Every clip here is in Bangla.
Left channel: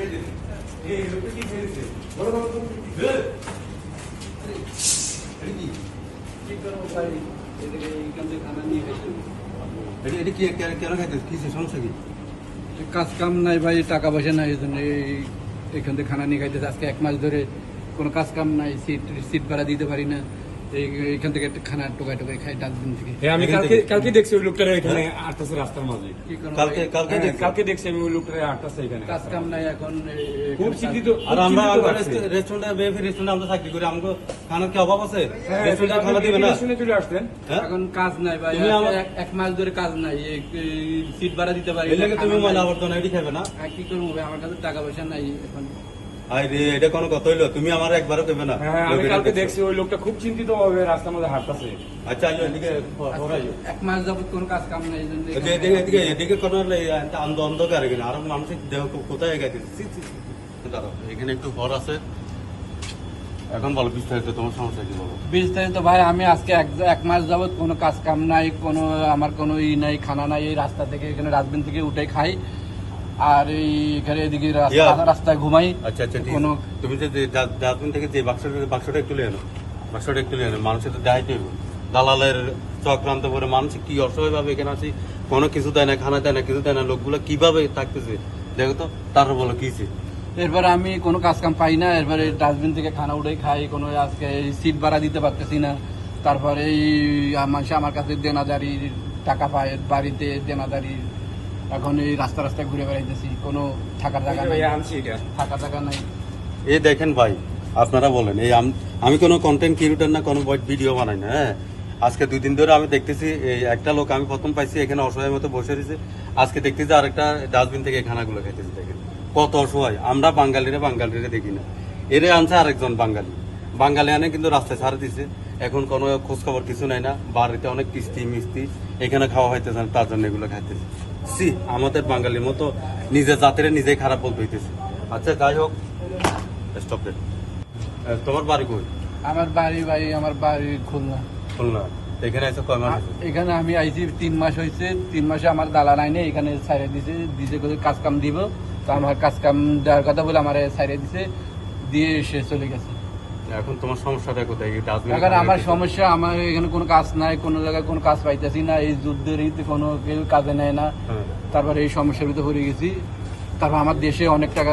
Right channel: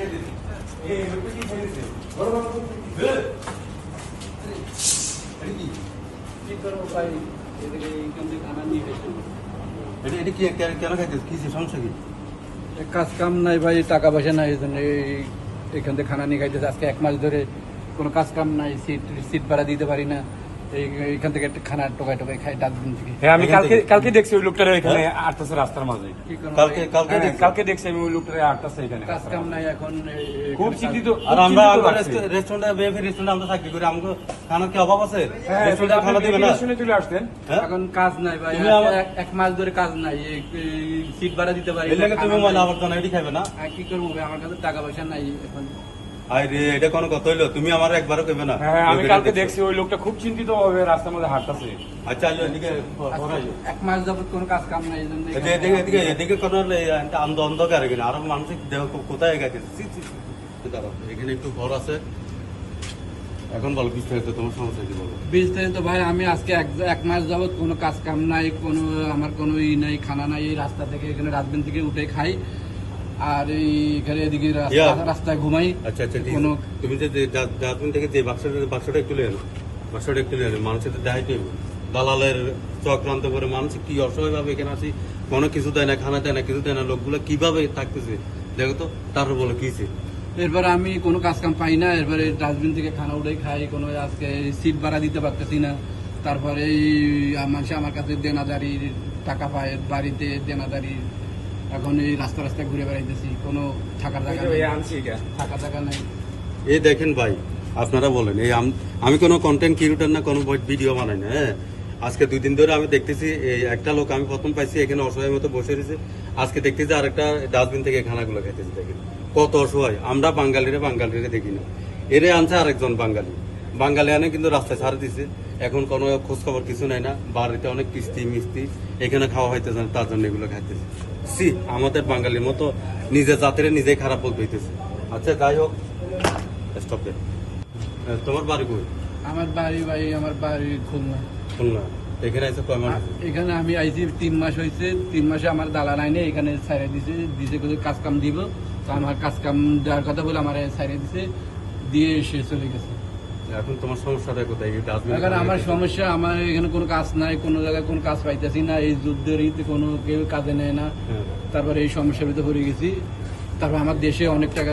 কাজ কাম নাই ভাই, টাকা পয়সা নাই, এখান থেকে খানা নিয়ে খাইতেছে। আজকে 1 মাস ধরে কোনো কাজ কাম নাই, সিট ভাড়া দিতে পারি না। এইখান থেকে একটা খানা টোকাই টোকাই খাই ডাস্টবিন থেকে। হ্যাঁ, আমি কালকে দেখছি ওই লোকটারে এখানে আটটাছে রাস্তার মাঝে। কালকে দেখছি আমি ওই লোকটারে আটটাছে এখানে। কাজ কাম নাই এখন, খুব চিন্তিত। আর আমরা রেস্টুরেন্টে রেস্টুরেন্টে আমরা চাকরি করি, আমাকে খানার কি অভাব আছে? রেস্টুরেন্টে খানা দিবে না? শুনে চলে আসতেন। এখন কাজ নাই ভাই, 1 মাস ধরে কাজ নাই, সিট ভাড়া দিতে পারি না। তুমি ময়লা আবর্জনা এটি খাবে না? কি করবো ভাই, আমার কাছে টাকা পয়সা নাই এখন। আরে এটা কোনো কথা হইলো? তুমি আমার একবারও কইবে না? হ্যাঁ, আমি কালকে দেখছি ওই লোকটা খুব চিন্তিত ভাবে রাস্তার মধ্যে হাঁটতেছে। আচ্ছা, এদিকে 1 মাস যাবত কোনো কাজ কাম নাই। এদিকে কোনো অন্ধকার কিনা আরো মানসিক দেহ কোথায় গেছে? এখানে একটু ঘর আছে। এখন বলো বিস্তারিত, তোমার সমস্যা কি বলো? বিস্তারিত ভাই, আমি আজকে 1 মাস যাবত কোনো কাজ কাম নাই, কোনো আমার কোনো নাই, খানা নাই। এই রাস্তা থেকে এখানে ডাস্টবিন থেকে উঠে খাই, আর এইখানে এদিকে রাস্তায় ঘুমাই। আচ্ছা আচ্ছা, তুমি যে ডাস্টবিন থেকে যে বাক্সটা একটু নিয়ে আনো, বাক্সটা একটু নিয়ে আনো। মানুষের তো দেখাইতে হবে, দালালের চক্রান্ত করে মানুষ কি অসহায় ভাবে এখানে আছি, কোনো কিছু দেয় না, খানা দেয় না, কিছু দেয় না, লোকগুলো কিভাবে থাকতেছে দেখো তো। তারপর বলো কি? এরপরে আমি কোনো কাজ কাম পাই না, এরপরে ডাস্টবিন থেকে খানা উঠে খাই, কোনো আজকে সিট ভাড়া দিতে পারতেছি না। তারপরে মানুষ আমার কাছে দেনাদারি টাকা পায়, বাড়িতে দেনাদারি। এখন এই রাস্তা রাস্তায় ঘুরে বেড়াইতেছি, কোনো থাকার জায়গা নাই, থাকার জায়গা নাই। এই দেখেন ভাই, আপনারা বলেন, এই আমি কোনো কন্টেন্ট ক্রিয়েটর না, কোনো ভিডিও বানাই না। হ্যাঁ, আজকে 2 দিন ধরে আমি দেখতেছি এই একটা লোক, আমি প্রথম পাইছি এখানে অসহায় মতো বসে রয়েছে। আজকে দেখতেছি আরেকটা ডাস্টবিন থেকে খানাগুলো খাইতেছে। দেখেন কত অসহায়। আমরা বাঙালিরে দেখি না, এরে আনছে আরেকজন বাঙালি আনে, কিন্তু রাস্তায় ছাড়ে দিছে। এখন কোনো খোঁজ খবর কিছু নাই না, বাড়িতে অনেক কিস্তি মিস্তি, এখানে খাওয়া হইতেছে, তার জন্য এগুলো খাইতেছে। আমাদের বাঙালির মতো নিজের জাতিরে নিজেই খারাপ বলতে হইতেছে। আচ্ছা, যাই হোক, স্টপ দেন। তোমার বাড়ি কই? আমার বাড়ি খুলনা। এখানে আইসো কয় মাস? এখানে আমি আইছি 3 মাস হয়েছে। 3 মাসে আমার দালাল আইনে এখানে ছাইড়ে দিছে কাজ কাম দিব। তো আমার কাজ কাম দেওয়ার কথা বলে আমার ছাইড়ে দিছে, দিয়ে সে চলে গেছে। এখন তোমার সমস্যাটা কোথায়? এখন আমার সমস্যা, আমার এখানে কোনো কাজ নাই, কোনো জায়গায় কোনো কাজ পাইতেছি না। এই যুদ্ধের কোনো কেউ কাজে নেয় না। তারপরে এই সমস্যার ভিতরে পড়ে গেছি। তারপর আমার দেশে অনেক টাকা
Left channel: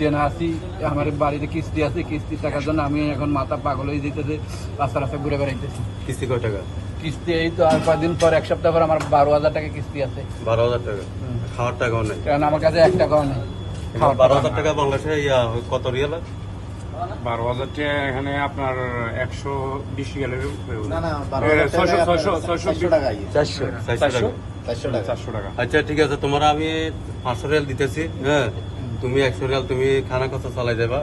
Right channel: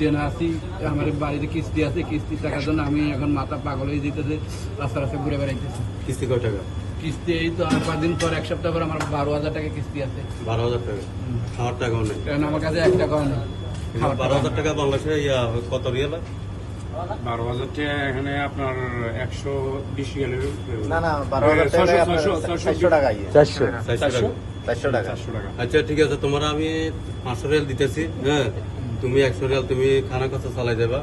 দেনা আছি, আমার বাড়িতে কিস্তি আছে। কিস্তির টাকার জন্য আমি এখন মাথা পাগল হয়ে যেতেছে, রাস্তা রাস্তা ঘুরে বেড়াইতেছি। কিস্তি কয় টাকা? কিস্তি এই তো আর কয়েকদিন পর, 1 সপ্তাহ পর আমার 12,000 টাকা কিস্তি আছে। 12,000 টাকা? খাওয়ার টাকাও নেই? কারণ আমার কাছে 1 টাকাও নেই। 12,000 টাকা বাংলাদেশে কত রিয়াল? 12,000 টাকা এখানে আপনার 120 রিয়ালের। 400 টাকা। আচ্ছা, ঠিক আছে, তোমার আমি 500 রিয়াল দিতেছি। হ্যাঁ, তুমি 100 রিয়াল তুমি খানা খরচা চালাই দেবা,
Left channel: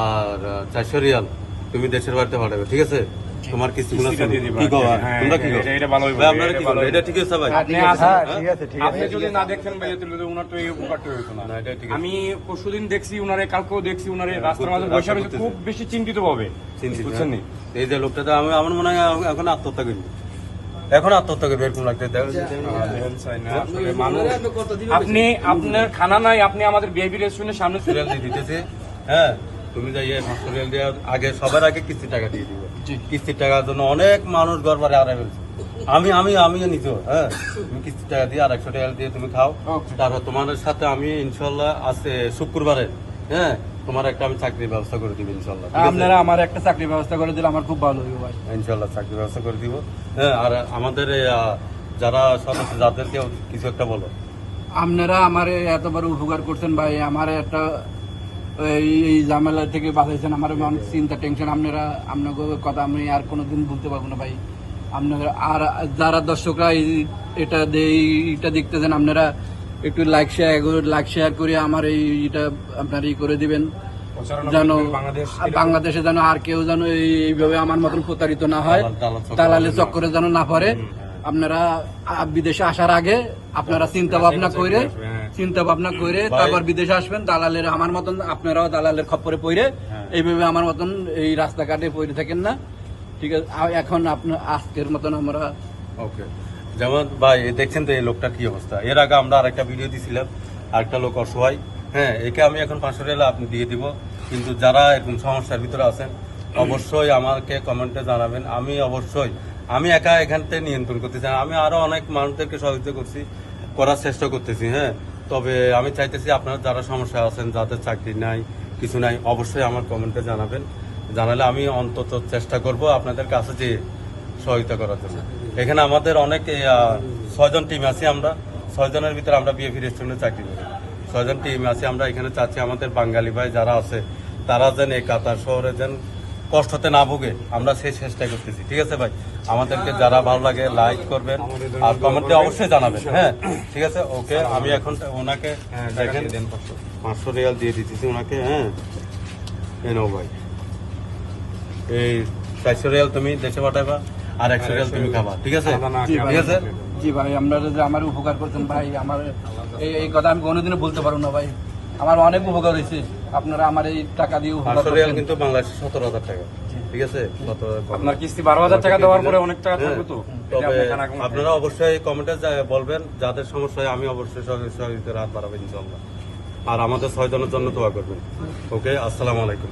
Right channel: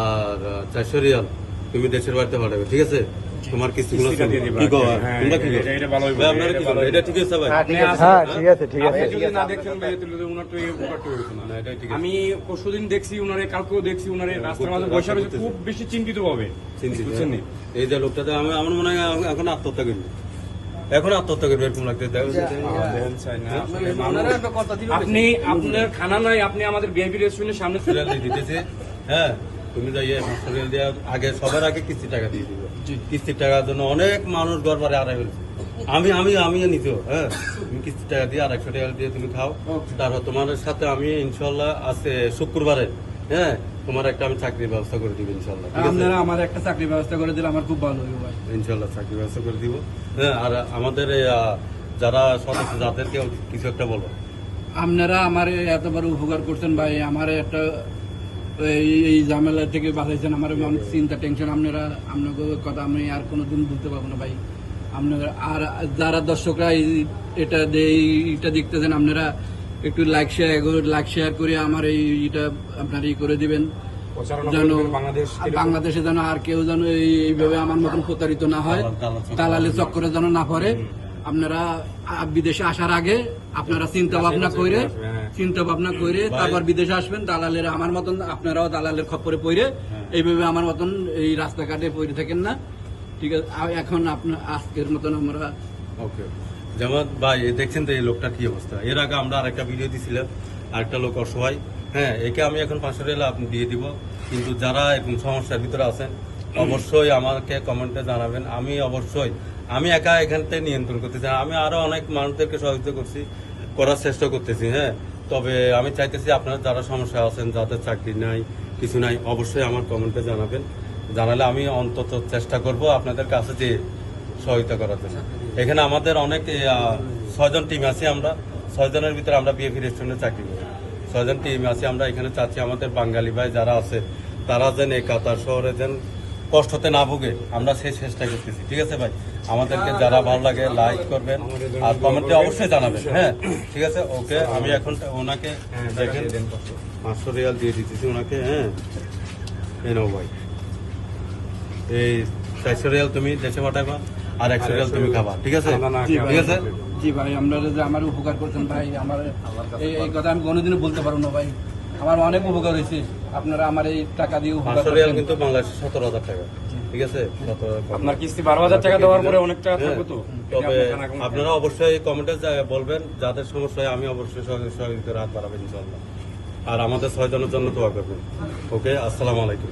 আর 400 রিয়াল তুমি দেশের বাড়িতে পাঠাবে। ঠিক আছে? তোমার কিস্তিগুলো এটা ঠিক আছে ভাই। আপনি যদি না দেখতেন ভাই, তাহলে উনার তো এই উপকারটা হইতো না। আমি পরশুদিন দেখছি উনারে, কালকেও দেখছি উনারে রাস্তার মাঝে বসে রয়েছে, খুব বেশি চিন্তিত ভাবে। বুঝছেন? এই যে লোকটা, আমার মনে হয় এখন আত্মহত্যা করবে, এরকম লাগতে। আপনি আপনার খানা নাই, আপনি আমাদের বিএবি রেস্টুরেন্টের সামনে দিতেছে। হ্যাঁ, তুমি যাই 500 রিয়াল দিয়ে আগে, সবার আগে কিস্তির টাকা দিয়ে দিবে। কিস্তির টাকার জন্য অনেক মানুষ গড়বারে আড়াই ফেলছে। আমি নিজেও, হ্যাঁ, তুমি কিস্তির টাকা দিয়ে আর 100 টাকা দিয়ে তুমি খাও। তারপর তোমার সাথে আমি ইনশাল্লাহ আছে শুক্রবারে, হ্যাঁ, তোমার একটা আমি চাকরির ব্যবস্থা করে দিব ইনশাল্লাহ। আপনারা আমার একটা চাকরির ব্যবস্থা করে দিলে আমার খুব ভালো হবে। ইনশাল্লাহ চাকরির ব্যবস্থা করে দিব। হ্যাঁ, আর আমাদের যারা সদস্য, যাদেরকে কিছু একটা বলো। আপনারা আমার এত বড় উপকার করছেন ভাই, আমার একটা এই ঝামেলা থেকে বাঁচাইছেন, আমার অনেক চিন্তা টেনশন। আপনাকে কথা আমি আর কোনোদিন ভুলতে পারবো না ভাই। আপনারা আর যারা দর্শকরা এটা দেখতেছেন, আপনারা একটু লাইক শেয়ার করে আমার এটা আপনারা করে দিবেন, যেন বাংলাদেশে যেন আর কেউ যেন এইভাবে আমার মতন প্রতারিত না হয়, দালালের চক্করে যেন না পড়ে। আপনারা বিদেশে আসার আগে আপনারা চিন্তা ভাবনা করে তারপর বিদেশে আসবেন। দালালের আমার মতন আপনারাও দালালের খপ্পরে পড়ে এইভাবে আমার মতন এই রাস্তাঘাটে পড়ে থাকেন না। ঠিক আছে? এখন আপনার আজকের মতন আমরা ওকে। যেমন ভাই দেখছেন তো এই লোকটার কি অবস্থা। এর আগে আমরা আরেকটা ভিডিও দিয়েছিলাম, আরেকটা লোক অসহায়, হ্যাঁ, একে আমি এখন 500 রিয়াল আপনি দিয়ে দিব। কিন্তু যারা এরকম সমস্যার ভিতরে আছেন অবশ্যই আমাকে কমেন্টে জানাবেন। আমি একা এখান থেকে নিয়ন্ত্রণ করতেছি না, আমি আরো অনেক মানুষদেরকে সহযোগিতা করার চেষ্টা করতেছি। হ্যাঁ, তবে আমি চাইতেছি আপনারা যারা সমস্যা আছেন, যাদের চাকরি নাই কিছু নাই, অবশ্যই আমার কমেন্টে জানাবেন। জানালে আমি অন্তত চেষ্টা করব আপনাদের কাছে যে সহায়তা করার জন্য। এখানে আমাদের অনেক 6 জন টিম আছি, আমরা 6 জনের ভিতরে আমরা বিএফি রেস্টুরেন্টে চাকরি করি। 6 জন টিম আছি আমরা এখানে। চাচ্ছি আমাদের বাঙালি ভাই যারা আছে তারা যেন এই কাতার শহরে যেন কষ্টতে না ভুগে, আমরা সেই চেষ্টা করতেছি। ঠিক আছে ভাই, আমাদেরকে যারা ভালো লাগে লাইক করবেন আর কমেন্টে অবশ্যই জানাবেন। হ্যাঁ, ঠিক আছে, ওকে। আমি এখন ওনাকে দেখেন 500 রিয়াল দিয়ে দিতেছি ওনাকে। হ্যাঁ, এই নাও ভাই, এই 400 রিয়াল তুমি দেশে পাঠাইবা আর 100 রিয়াল তুমি খাবা। ঠিক আছে, ঠিক আছে। জি ভাই, আপনারা যে আমার উপকার করছেন ভাই, আমার এই কথা আমি কোনোদিনও বলতে পারবো না ভাই। আমার অনেক উপকার হয়েছে, আপনারা আমার এই টাকা দিয়ে উপকার 500 রিয়াল করছেন। কিন্তু বাংলাদেশে 17,000 টাকা। ঠিক আছে, আপনার কিস্তি 12,000 টাকা দেওয়ার পরে অনেক টাকা থাকবে তো। এটা তবে আপনার খানা আপনারা অবশ্যই কমেন্টে বলবেন যাদের সমস্যা হয়, আমি অবশ্যই সহযোগিতার হাত বাড়াবো ইনশাআল্লাহ। আর আমাদের 6 জনের জন্য দোয়া করবেন। ওকে, আসসালামু আলাইকুম।